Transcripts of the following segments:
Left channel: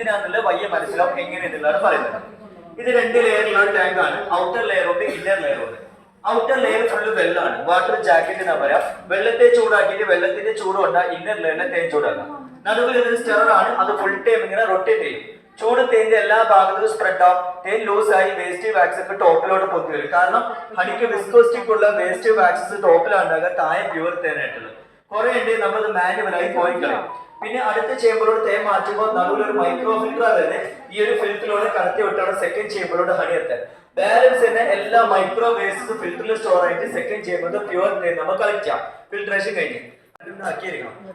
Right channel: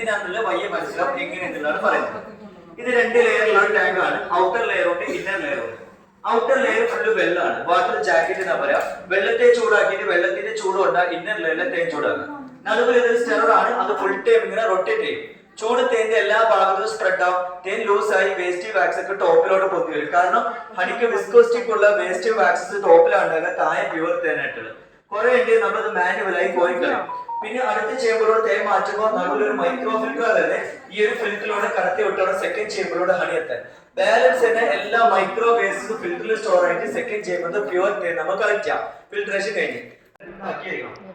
എന്തിനാന്നുള്ള വയ്യ മനസ്സിലാവും എങ്ങനെ എന്നുള്ളതാണ് പറയുന്നത്. ഇത് 2 ലെയറിലുള്ള ഒരു ടാങ്ക് ആണ്. ഔട്ടർ ലെയർ ഉണ്ട്, ഇന്നർ ലെയർ ഉണ്ട്. ഔട്ടർ ലെയർ ഫുള്ള് വെള്ളമാണ്, വാട്ടർ ജാക്കറ്റ് എന്നാ പറയാം. വെള്ളത്തെ ചൂടാക്കിയിട്ട് വെള്ളത്തിന്റെ ചൂട് കൊണ്ടാ ഇന്നർ ലെയറിലെ തേൻ ചൂടാക്കുക. നടുവിൽ ഇതൊരു സ്റ്റെറർ ആണ്, അത് ഫുൾ ടൈം ഇങ്ങനെ റൊട്ടേറ്റ് ചെയ്യും. ചൂട് തേന്റെ എല്ലാ ഭാഗത്തും സ്പ്രെഡ് ആവും. തേൻ ലൂസ് ആയി വേസ്റ്റ് വാക്സ് ഒക്കെ ടോപ്പിലോട്ട് പൊന്തി വരും. കാരണം ഹണിക്ക് വിസ്കോസ്റ്റിക്കുള്ള വേസ്റ്റ് വാക്സസ് ടോപ്പിലാണ്ടാകുക, താഴെ പ്യൂർ തേനായിട്ടുള്ളത്. കുറെ ഉണ്ട്, നമ്മളത് മാനുവലായി പോയി കളയും. പിന്നെ അടുത്ത ചേമ്പറിലൂടെ തേൻ മാറ്റുമ്പോൾ നടുവിൽ ഒരു മൈക്രോ ഫിൽറ്റർ തന്നെ ഈ ഒരു ഫിൽറ്ററിലൂടെ കടത്തി വിട്ടാണ് സെക്കൻഡ് ചേമ്പറിലൂടെ ഹണി എത്താൻ. ബാലൻസ് തന്നെ എല്ലാ മൈക്രോ വേസ്റ്റ് ഫിൽറ്ററിൽ സ്റ്റോർ ആയിട്ട് സെക്കൻഡ് ചേമ്പറിൽ പ്യൂർ തേൻ നമ്മൾ കളക്ട് ചെയ്യാം. ഫിൽട്രേഷൻ കഴിഞ്ഞ്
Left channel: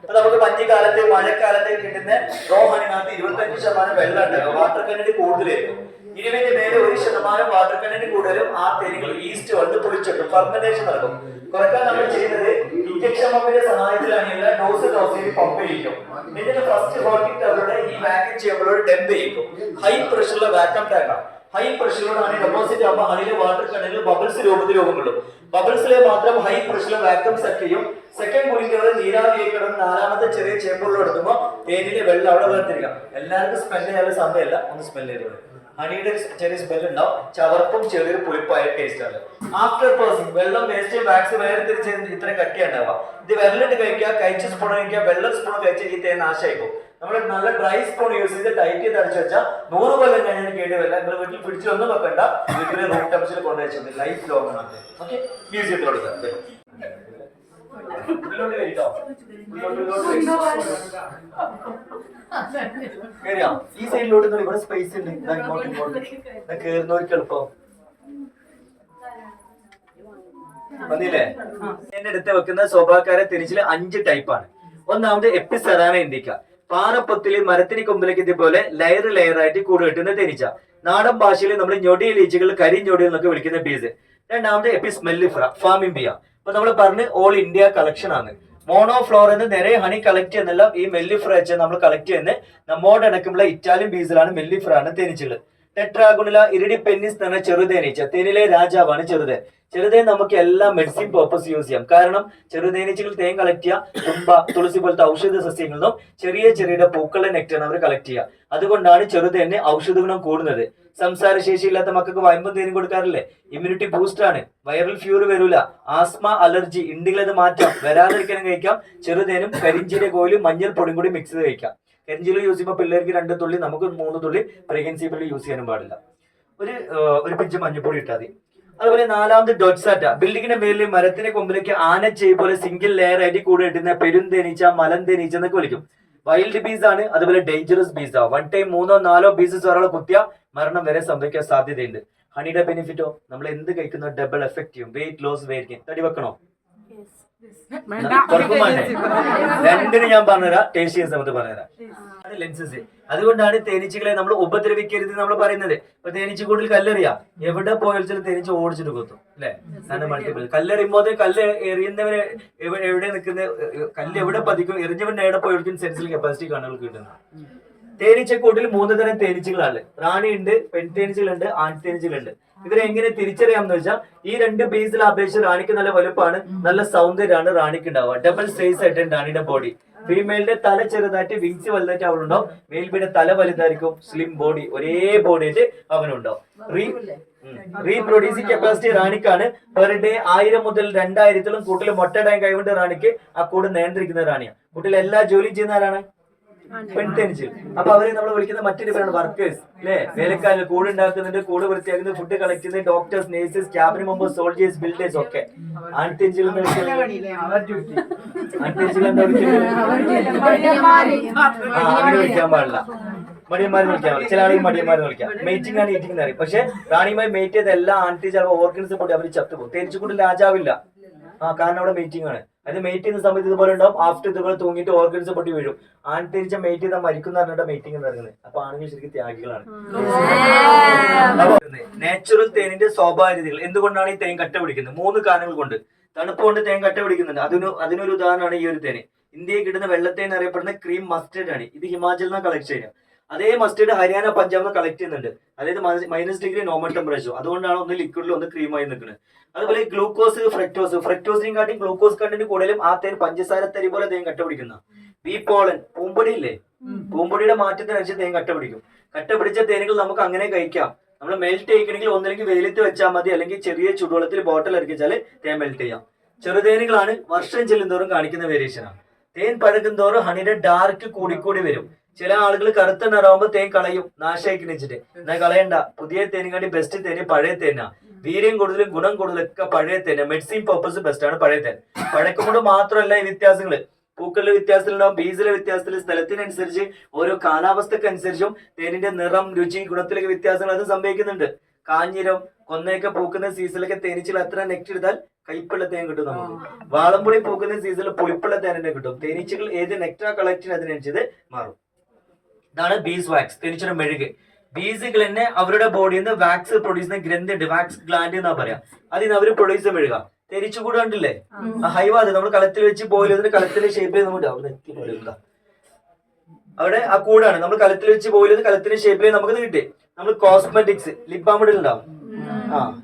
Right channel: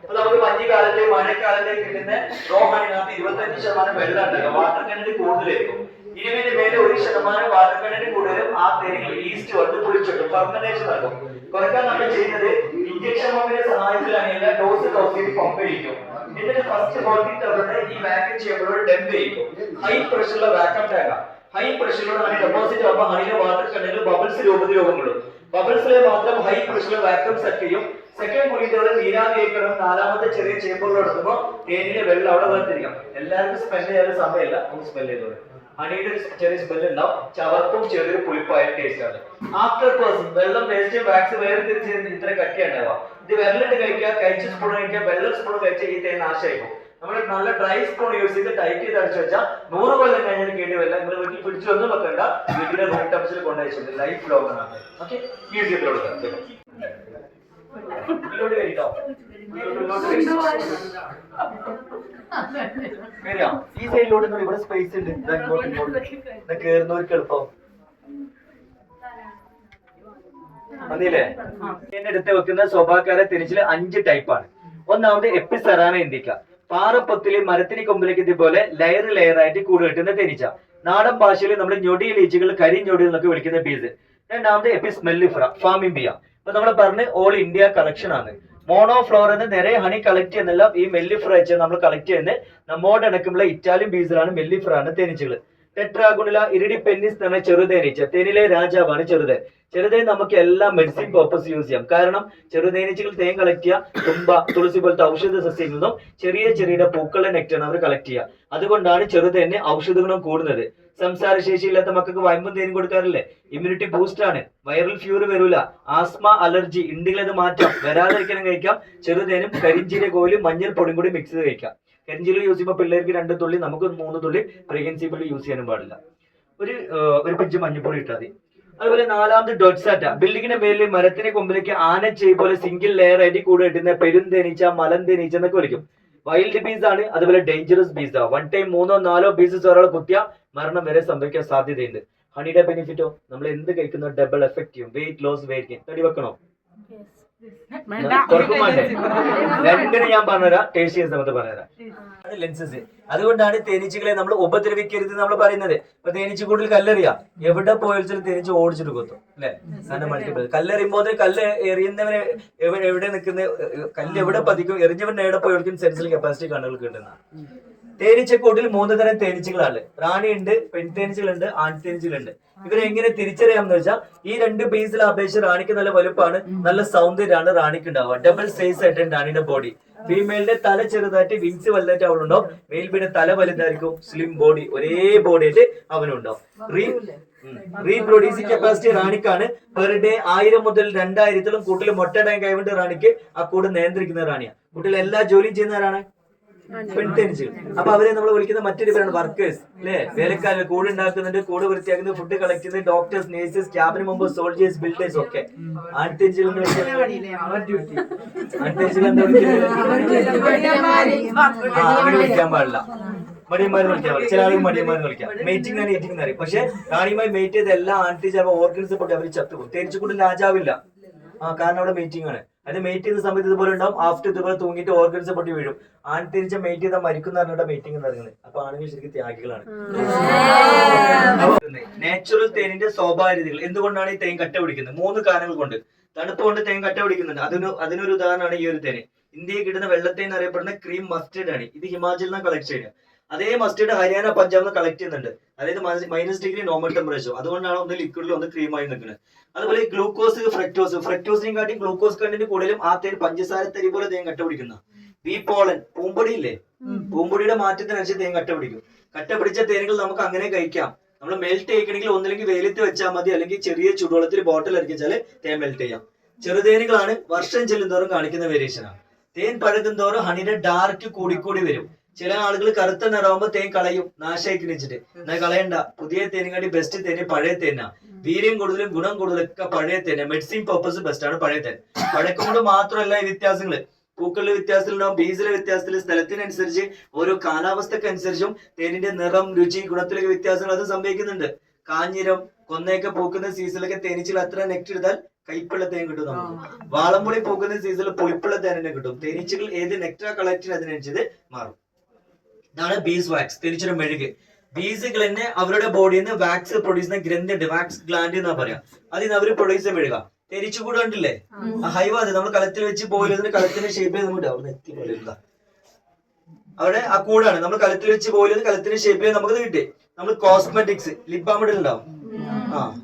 അപ്പൊ നമുക്ക് മഞ്ഞുകാലത്തെ മഴക്കാലത്തെ കിട്ടുന്ന റോ ഹണിനകത്ത് 25% വെള്ളം ഉണ്ടാകും. വാട്ടർ കണ്ടന്റ് കൂടുതലായിരിക്കും. 20 മേലെ 1% വാട്ടർ കണ്ടന്റ് കൂടുതലും ആ തേനുകൾ ഈസ്റ്റ് വന്ന് പൊളിച്ചിട്ടും ഫെർമെന്റേഷൻ നടക്കും. കുറക്കാൻ നമ്മൾ ചെയ്യുന്നത് ഇഞ്ചക്ഷൻ പമ്പിന്റെ സഹായത്തിലാണ് എല്ലാ ഡോസ് ചെയ്ത് പമ്പ് ചെയ്യിക്കും. എന്നിട്ട് ഫസ്റ്റ് 40 ടവറുടെ ഈ വാക്യൂം ചെയ്യുമ്പോഴോട് ഡംപ് ചെയ്യിക്കും. ഹൈ പ്രഷറുള്ള വാക്യൂം ടാങ്കാണ്. ഹൈ പ്രഷറിലുള്ള ഹണി ഡെപ്പോസിറ്റ് ആകുമ്പോൾ ഹണിയിലെ വാട്ടർ കണ്ടന്റ് ബബിൾസ് രൂപത്തിൽ രൂപങ്ങളും. ബബിൾസിലെ മാത്രം ഹൈ പ്രഷറിലെ വാക്യൂം സെറ്റ് ചെയ്യും. സെക്കൻഡ് കൂളിംഗ് നീരാവിയേക്കണം. 4ാമത്തെ ചെറിയ ചേമ്പറിൽ എടുക്കുമ്പോൾ തേനിന്റെ വെള്ളം അവിടെ വേർതിരിക്കാം. എല്ലാവർക്കും സ്മെല് ചെയ്യാൻ സമയമില്ല, ഒന്ന് സ്മെല് ചെയ്തോളൂ. ഹണിയുടെ ചെറിയ സ്മെല് ഉണ്ടാവും, ചവർപ്പും ചെറിയൊരു പുളിപ്പായ ടേസ്റ്റ് ആണ്. ആഫ്റ്റർ പ്രോസസ് വെള്ളം വേസ്റ്റ് വാക്സ് വേർതിരിച്ച് ഇത്ര കട്ടിയുണ്ടാവുക. ഇത് വിരലിട്ട് കഴിക്കുക, കഴിച്ച സ്പൂൺ കഴിക്കുക, വെള്ളം സ്പൂൺ കഴിച്ചാൽ ഈ തേൻ നാശമായിക്കും. നമ്മൾ നല്ല ഡ്രൈ സ്പൂൺ യൂസ് ചെയ്ത് ടൈറ്റ് ചെയ്ത് അടിച്ചു വെച്ചാൽ 100 കൊല്ലം കഴിഞ്ഞാൽ കേടുവല്ല. നിങ്ങൾ വീട്ടിൽ പിടിച്ചൊന്നും വെക്കണ്ട, വീട്ടിലെ റൂം ടെമ്പറേച്ചറിൽ കൊണ്ടുവച്ചിട്ടുണ്ട്. ലൈഫ് ലോങ് ആണ്. ഓക്കെ, യൂസ് ചെയ്ത് കൊടുക്കാം. ഈ സൈഡിലോട്ട് ഇവിടെ സ്പേസ് ഉണ്ട്, കേറുന്നവർക്ക് എളുപ്പം മതിയില്ലേ. എടുത്ത് വെക്കുന്ന സ്വഭാവക്കാരെ തിരിച്ചില് 5 ടൈപ്പാണ്. ഒന്നാമത് എപ്പിസെറാന ഇന്ത്യക്ക. പാറപ്പൊത്തില് മരത്തിന് കൊമ്പിലേക്ക് ഇതുപോലെ ലെയർ ലെയർ ആയിട്ട് കൂട് കെട്ടുന്ന തേനീച്ച. നാടൻ ഭാഷയിൽ നമ്മൾ ഞൊടിയിൽ ഈച്ചകൾ കരിഞ്ഞൊടി എന്നൊക്കെ വിളിക്കുന്ന ബീസ്. രണ്ടാമത് എപ്പിസ് മെല്ലിഫ്ര ഫാമിംബിയ. അപ്പൊ നമ്മൾ പറഞ്ഞ് ഓൾ ഇന്ത്യ കളക്ഷൻ ആണ്. മോണോഫ്ലോർ എന്ന് നിറയെ ഹണി കളക്ട് ചെയ്യുന്നെല്ലാം ഈ മെല്ലിഫ്ര വെച്ച് നമ്മൾ കളക്ട് ചെയ്യുന്നത് നമ്മോട് ഇണക്കുള്ള ഇറ്റാലിയൻ ബീസിലാണ്. മെല്ലിഫ്ര ആണ് തേനീച്ചകൾ. ടെട്രാഗുണില ഇരിഡി പെന്നിസ് എന്ന ചെറുതേനീച്ച, തേനിലെ രാജാവാണ് ചെറുതേൻ. ചെറുതേൻ നമുക്ക് എല്ലാ മെഡിസിൻ പർപ്പസ് യൂസ് ചെയ്യാം. കാരണം ചെറുതേനീച്ചകൾ തേൻ കളക്ട് ചെയ്യുക തുമ്പ, തുളസി പോലത്തെ ഔഷധ സസ്യങ്ങളിൽ നിന്നും ചെറിയ ചെറിയ പൂക്കളുടെ നെക്ടാണ് അവർ കളക്ട് ചെയ്യുക. അതുകൊണ്ടാണ് ചെറുതേന് ഔഷധ ഗുണം കൂടുന്നത്. സംസാരശേഷി ഇല്ലാത്ത മക്കൾക്ക് വയമ്പും തേനും കൊടുക്കാറില്ലേ? ഇമ്മ്യൂണിറ്റി ബൂസ്റ്റ് ആണ്. വൈറൽ ഫ്യൂർ വരൂല. ആസ്മ, അലർജി ഉണ്ടെങ്കിൽ അത് മാറ്റാം. വരാതിരിക്കണം കഴിക്കാം. ചെറുതേനും കരിഞ്ചീര കോയിലും മഞ്ഞൾ പൊടിയും കൂടി മിക്സ് ചെയ്ത് കഴിക്കാം. കരിഞ്ചീര യൂസ് ചെയ്യുമ്പോൾ പിള്ളേർക്ക് 2 തുള്ളി, നമുക്ക് 3 തുള്ളി പ്രഗ്നൻസി പിള്ളി യൂസ് ചെയ്യാനും പാടില്ല. ഒരു പിഞ്ച് മഞ്ഞപ്പൊടി ഇട്ടാൽ മതി. അതുപോലെ 4ാമത് ഡൊട്സാറ്റ. ബിൽഡിങ്ങിന്റെ മേലിൽ മരത്തിന്റെ കൊമ്പിലേക്ക് ആനച്ചെയ് പോലെ സിംഗിൾ ലെയർ ആയിട്ട് കൂടെ ഇട്ടുന്ന പെരുന്തേനീച്ച, മലം തേനീച്ച എന്നൊക്കെ വിളിക്കും. വൈൽഡ് ബീസ് ആണ്. അതുപോലെ ഡേഞ്ചറസ് ബീസ് ആണ്. 1 ടൈം 3 or 4 പീസസ് ഒരാൾ കുത്തിയ മരണം വരെ സംഭവിക്കാൻ സാധ്യതയുണ്ട്. ഹണിയുടെ ബെനിഫിറ്റോ നമ്മൾ എന്ത് കഴിക്കുന്നോ ഡബിൾ എഫക്ട് ചെയ്യും. Weight loss, weight gain. തടി വെക്കണോ? രണ്ടിന് ഞാൻ പറഞ്ഞുതരാം, ടേസ്റ്റ് ചെയ്യുന്ന സമയത്ത് പറഞ്ഞുതരാം. അത് ലെൻസസ്. അതുകൊണ്ടാണ് തേനീച്ചകളെ നമ്മൾ ഉപദ്രവിക്കരുത് നമ്മൾ പറയുന്നത്. ഇപ്പൊ തേനീച്ചക്കൂട്ടിൽ കല്ലെറിയാം, എവിടെ പോയാലും തേനീച്ച ഓടിച്ചിട്ട് കൊത്തും അല്ലെ. കാരണം മൾട്ടിപ്പിൾ കല്ലെറിയുമ്പോൾ കല്ല് എറിയുന്നവരെ എവിടെ നിൽക്കുന്ന കല്ല് എവിടെ പതിക്കും, എറിഞ്ഞവരുടെ എവിടെ പോയി സെൻസിൽ കപ്പാസിറ്റി കണ്ണുകൾ കിട്ടുന്ന. തേനീച്ചക്കൂട്ടിൽ 3 തരം തേനീച്ചകളാണ്. റാണിയുണ്ട്, പെൺതേനീച്ചകളുണ്ട്, ആൺതേനീച്ചകളുണ്ട്. ഇവരെങ്ങനെ തിരിച്ചറിയാമെന്ന് വെച്ചാൽ ഈ 2 ബേസിൽ അപേക്ഷിച്ച് റാണിക്ക് നല്ല വലുപ്പമാണ്, നല്ല സൗന്ദര്യമാണ് റാണിക്ക് ഉണ്ടാവുക. ഡബിൾ സൈസ് ആയിട്ടാണ് റാണിയുടെ ബോഡി. ഫീമെയിലിന്റെ തല ചെറുതായിട്ട്, വിങ്സ് വലുതായിട്ട് അവളുണ്ടാവും. മെയിൽ ബീയുടെ തല വലുതായിരിക്കും, സ്ലിം ബോഡി, ഒരേ ബോഡി ആയിട്ട് അവനുണ്ടാവും. റീപ്രൊഡ്യൂസിംഗ് കപ്പാസിറ്റി റാണിക്കാണ്. പെർ ഡേ 1000 മുതൽ 2000 കൂട്ടിൽ മുട്ടയിടാൻ കൈകൊണ്ട് റാണിക്ക് ആ കൂട് നിയന്ത്രിക്കുന്ന റാണിയാണ്. കൂട്ടിൽ എല്ലാ ജോലിയും ചെയ്യുന്ന ആരാണ്? പെൺതേനീച്ചകൾ. അപ്പൊ അവരെ നമ്മൾ വിളിക്കുന്ന മറ്റൊരു പേരാണ് വർക്കേഴ്സ് അല്ലെ. വേലക്കാരിൽ കൂട് ഉണ്ടാക്കുന്നുണ്ട്, കൂട് വൃത്തിയാക്കുന്നത്, ഫുഡ് കളക്ട് ചെയ്യുന്നത്, doctors, nurses, cabin members, soldiers, builders ഒക്കെ. ആൺതേനീച്ചകൾ വിളിക്കാൻ പാടില്ല, മടിയന്മാരെന്ന് വിളിക്കാൻ പാടില്ല. ചില ആളുകൾ മടിയന്മാരെന്ന് വിളിക്കാം. മേറ്റിംഗ് ആണ് ഈറ്റിംഗ് എന്ന് പറയും. പക്ഷെ റാണിയുമായി മേറ്റ് ചെയ്ത എല്ലാ ആൺതേനീച്ച ഓർഗൻസ് പൊട്ടി അവർ ചത്തുപോകും. തേനീച്ചക്കൂട്ടിൽ രാജാവില്ല. കാരണം അവിടെ മീറ്റിംഗ് ആണ്. അത് മേറ്റ് ചെയ്യുന്ന സമയത്ത് ഇതുപോലെ ഉണ്ടാവും. ആഫ്റ്റർ ഇതുപോലെ തൂങ്ങിയിട്ട് ഓർഗൻസ് പൊട്ടി വീഴും. ആൺതേനീച്ച മേറ്റ് ചെയ്താൽ മരിക്കുന്ന പറഞ്ഞിട്ട് മീറ്റിംഗ് നടക്കുന്നത്. അപ്പൊ ആണെങ്കിൽ ശരിക്കും ത്യാഗികളാണ്. നാച്ചുറൽ തേനിന്റെ സ്വാഭാവിക രീതികൾ. എന്തുകൊണ്ടാണ് ഈ തേൻ കട്ട പിടിക്കുന്നത്? 3 കാരണങ്ങൾ കൊണ്ട്. തണുപ്പ് കൊണ്ട് തേൻ കട്ട പിടിക്കുന്നുണ്ട്. അതിനൊരു ഉദാഹരണമാണ് ഈ ഒരു തേന്. ഇന്ത്യയിൽ കിട്ടുന്ന വെള്ളത്തേൻ അറിയപ്പെടുന്ന ക്രീം മസ്റ്റേർഡ് ആണ്. ഇത് ഹിമാചലിൽ നിന്ന് കളക്ട് ചെയ്യുക. അതേ മസ്റ്റേർഡ് ഹരിയാന, പഞ്ചാബിൽ നിന്ന് കളക്ട് ചെയ്യുന്നുണ്ട്. അതായത് -° നോർമൽ ടെമ്പറേച്ചർ. അതുകൊണ്ടാണ് ഒന്ന് ലിക്വിഡിൽ ഒന്ന് ക്രീമായി നിൽക്കുന്നത്. അതുപോലെ ഗ്ലൂക്കോസ്, ഫ്രക്ടോസിനെയും കാട്ടി ഗ്ലൂക്കോസ് കണ്ടന്റ് കൂടുതലും ആ തേൻ പഞ്ചസാര തരി പോലെ തേൻ കട്ട പിടിക്കുന്ന. ബി പോളൻ, പൂമ്പൊടി ഇല്ലേ, പൂമ്പൊടിയുടെ മാറ്റത്തിനനുസരിച്ച് തേൻ കട്ട പിടിക്കും. കട്ട പിടിച്ച തേനുകൾ നമുക്ക് അങ്ങനെ കഴിക്കാം. നമ്മൾ മെൽറ്റ് ചെയ്യിക്കണമെങ്കിൽ ഒന്നില്ലെങ്കിൽ വെയിലത്ത് വെച്ചാൽ മതി, അല്ലെങ്കിൽ ചെറിയ ചൂടുവെള്ളത്തിൽ ബോട്ടിൽ ഇറക്കിച്ചാൽ തേൻ മെൽറ്റ് ചെയ്യാം. ചെറുതേനുകളാണ് വർഷം ചെല്ലുന്തോറും കാണിക്കുന്ന വേരിയേഷനാണ്. തേൻ പഴകുന്തോറും ഹണിയുടെ ഡാർക്ക് കൂടിക്കൂടി വരും. ചില ആളുകൾ കറുത്ത നിറമാകുമ്പോൾ തേൻ കളയും, നാശമാക്കി വെച്ചിട്ട്. എന്നാൽ കളയണ്ട, പുതിയ തേനിക്കാണ്ടി ബെസ്റ്റ് തേന് പഴയ തേനാ. വീര്യം കൂടുതലും ഗുണം കൂടുതലൊക്കെ പഴയ തേന. മെഡിസിൻ പർപ്പസ് ബെസ്റ്റ് ആണ് പഴയ തേൻ. പഴക്കൊണ്ട് മാത്രമല്ല ഈ വ്യത്യാസങ്ങള്, പൂക്കളിലെ വ്യത്യാസത്തിലുണ്ടാവും, ബീജിലെ വ്യത്യാസത്തിൽ, സ്ഥലത്തിനനുസരിച്ച് ഓരോ കാലാവസ്ഥക്ക് അനുസരിച്ചും തേനിന്റെ നിറം, രുചി, ഗുണത്തിലൊക്കെ വ്യത്യാസങ്ങൾ അത് സംഭവിക്കുന്നുണ്ട്. കാഞ്ഞിരം, കൊന്നയൊക്കെ പൂക്കുന്ന സീസണിലൊക്കെ തേനീച്ചകൾ അത്ര നെക്ട് എടുത്താൽ കയ്പുള്ള തേൻ കിട്ടും നമുക്ക്. വാളംപുളി പൂക്കുന്ന സീസണിൽ പുളിപ്പുള്ള തേൻ തന്നെ കിട്ടും. തേനീച്ചകൾ ഏത് നെക്ടാ കളക്റ്റിന് അതിനനുസരിച്ച് മാറും. ഇതാണ് ബീസ് വാക്സ്, തേനീച്ചയുടെ മെഴുക്. ബീസുകൾ തന്നെ അവരുടെ ബോഡിയിൽ നിന്ന് വാക്സ് പ്രൊഡ്യൂസ് ചെയ്യുന്ന ഗ്രന്ഥി ഉണ്ട്, വാക്സ് ഗ്ലാൻഡ് എന്നാ പറയാം. അതിന് അവർ പ്രൊഡ്യൂസ് ചെയ്യുന്ന മെഴുക. തേനീച്ച കൂട് കണ്ടില്ലേ, ആ ഹൈവാത് നമ്മൾ കളത്തിൽ വെച്ച് ബോയിൽ ചെയ്തിട്ട് കളത്തിന്റെ ഷേപ്പിൽ നമുക്ക് അവിടെ ആ കൂടാണ് നമ്മൾ കളത്തിൽ വെച്ച് ബോയിൽ ചെയ്ത് കളത്തിന്റെ ഷേപ്പിൽ നമുക്കത് കിട്ടി. നമ്മൾ കോസ്മെറ്റിക്സ്, ലിപ് ബാം ഇടുന്നുണ്ടാവും.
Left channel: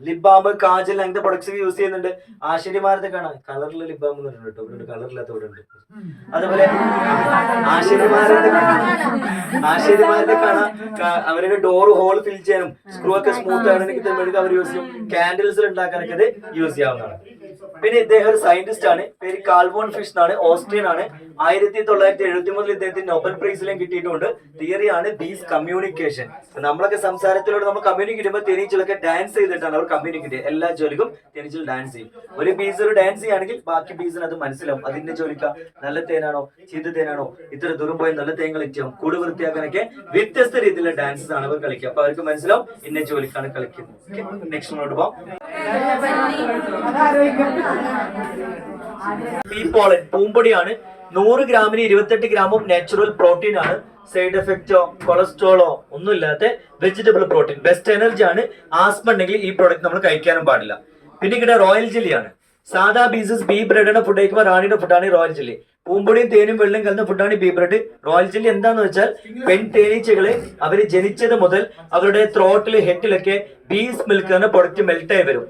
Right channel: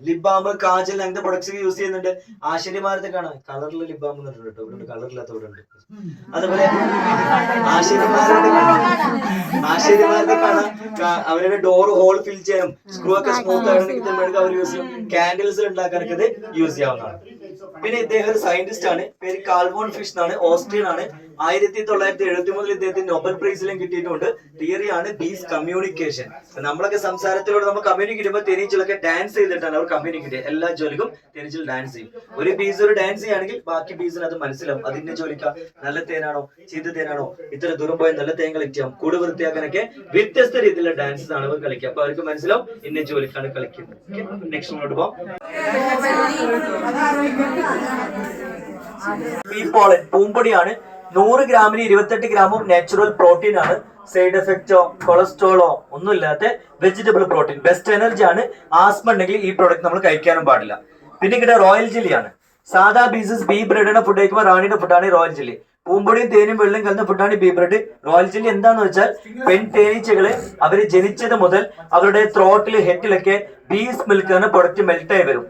ലിപ് ബാം, കാജൽ, അങ്ങനത്തെ പ്രൊഡക്ട്സ് യൂസ് ചെയ്യുന്നുണ്ട്. ആശ്ചര്യമാരത്തെ കാണാം കളറിലുള്ള ലിപ് ബാം കേട്ടോ, ഇവിടെ കളറില്ലാത്ത ഇവിടെ ഉണ്ട്. അതുപോലെ ആശ്ചര്യമാരത്തെ കാണാം, അവരുടെ ഡോർ ഹോൾ ഫിൽ ചെയ്യാനും സ്ക്രൂ ഒക്കെ സ്മൂത്ത് ആണെങ്കിൽ അവർ യൂസ് ചെയ്യും. കാൻഡിൽസ് ഉണ്ടാക്കാനൊക്കെ ഇത് യൂസ് ചെയ്യാവുന്നതാണ്. പിന്നെ ഇദ്ദേഹം ഒരു സയന്റിസ്റ്റ് ആണ്, പേര് കാൾവോൺ ഫിഷ് എന്നാണ്, ഓസ്ട്രിയൻ ആണ്. 1973 ഇദ്ദേഹത്തിന് നോബൽ പ്രൈസിലും കിട്ടിയിട്ടുണ്ട്. തിയറിയാണ് ബീസ് കമ്മ്യൂണിക്കേഷൻ. നമ്മളൊക്കെ സംസാരത്തിലൂടെ നമ്മൾ കമ്മ്യൂണിക്കേറ്റ് ചെയ്യുമ്പോൾ തേനീച്ചകളൊക്കെ ഡാൻസ് ചെയ്തിട്ടാണ് അവർ കമ്മ്യൂണിക്കേറ്റ് ചെയ്യുക. എല്ലാ ജോലിക്കും തേനീച്ചകൾ ഡാൻസ് ചെയ്യും. ഒരു ബീസ് ഒരു ഡാൻസ് ചെയ്യുകയാണെങ്കിൽ ബാക്കി ബീസിന് അത് മനസ്സിലാവും. അതിന്റെ ജോലിക്ക നല്ല തേനാണോ ചീത്ത തേനാണോ, ഇത്ര ദൂരം പോയി നല്ല തേൻ കളിക്കാം, കൂട് വൃത്തിയാക്കാനൊക്കെ വ്യത്യസ്ത രീതിയിലുള്ള ഡാൻസസ് ആണ് അവർ കളിക്കുക. അപ്പൊ അവർക്ക് മനസ്സിലാവും ഇന്ന ജോലിക്കാണ് കളിക്കുന്നത്. നെക്സ്റ്റ് മുന്നോട്ട് പോകാം. ഈ പോളൻ പൂമ്പൊടിയാണ്. 100 ഗ്രാമിന് 28 ഗ്രാമും നാച്ചുറൽ പ്രോട്ടീൻ ആണ്. സൈഡ് എഫക്റ്റോ കൊളസ്ട്രോളോ ഒന്നുമില്ലാത്ത വെജിറ്റബിൾ പ്രോട്ടീൻ, ബെസ്റ്റ് എനർജി ആണ്. ആസ്മ ഉണ്ടെങ്കിൽ ഈ പ്രോഡക്റ്റ് നമ്മൾ കഴിക്കാനും പാടില്ല. പിന്നെ ഇവിടെ റോയൽ ജെല്ലിയാണ്. സാധാ ബീസസ് ബീ ബ്രെഡിന്റെ ഫുഡ് കഴിക്കുമ്പോൾ റാണിയുടെ ഫുഡാണ് റോയൽ ജെല്ലി. പൂമ്പൊടിയും തേനും വെള്ളം കലർന്ന ഫുഡാണ് ബീ ബ്രെഡ്. റോയൽ ജെല്ലി എന്താന്ന് വെച്ചാൽ പെൺ തേനീച്ചകള് അവര് ജനിച്ചത് മുതൽ അവരുടെ ത്രോട്ടില് ഹെഡിലൊക്കെ ബീസ് മിൽക്ക് എന്ന പ്രൊഡക്റ്റ് മെൽറ്റായി വരും.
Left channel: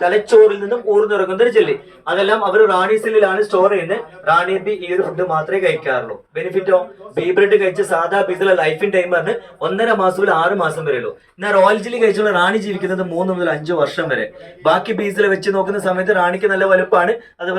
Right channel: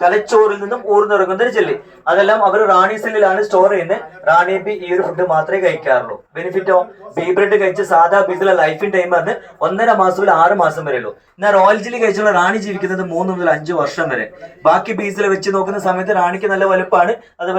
തലച്ചോറിൽ നിന്നും ഊർന്നിറങ്ങുന്ന ഒരു ജെല്ലി. അതെല്ലാം അവർ റാണി സെല്ലിലാണ് സ്റ്റോർ ചെയ്യുന്നത്. റാണി ബി ഈ ഒരു ഫുഡ് മാത്രമേ കഴിക്കാറുള്ളൂ. ബെനിഫിറ്റോ, ബീ ബ്രെഡ് കഴിച്ച സാധാ ബീസിലെ ലൈഫിൻ ടൈം പറഞ്ഞ് 1.5 മാസം മുതൽ 6 മാസം വരെ ഉള്ളൂ. എന്നാൽ റോയൽ ജെല്ലി കഴിച്ചുള്ള റാണി ജീവിക്കുന്നത് 3 മുതൽ 5 വർഷം വരെ. ബാക്കി ബീസിലെ വെച്ച് നോക്കുന്ന സമയത്ത് റാണിക്ക് നല്ല വലുപ്പമാണ്. അതുപോലെ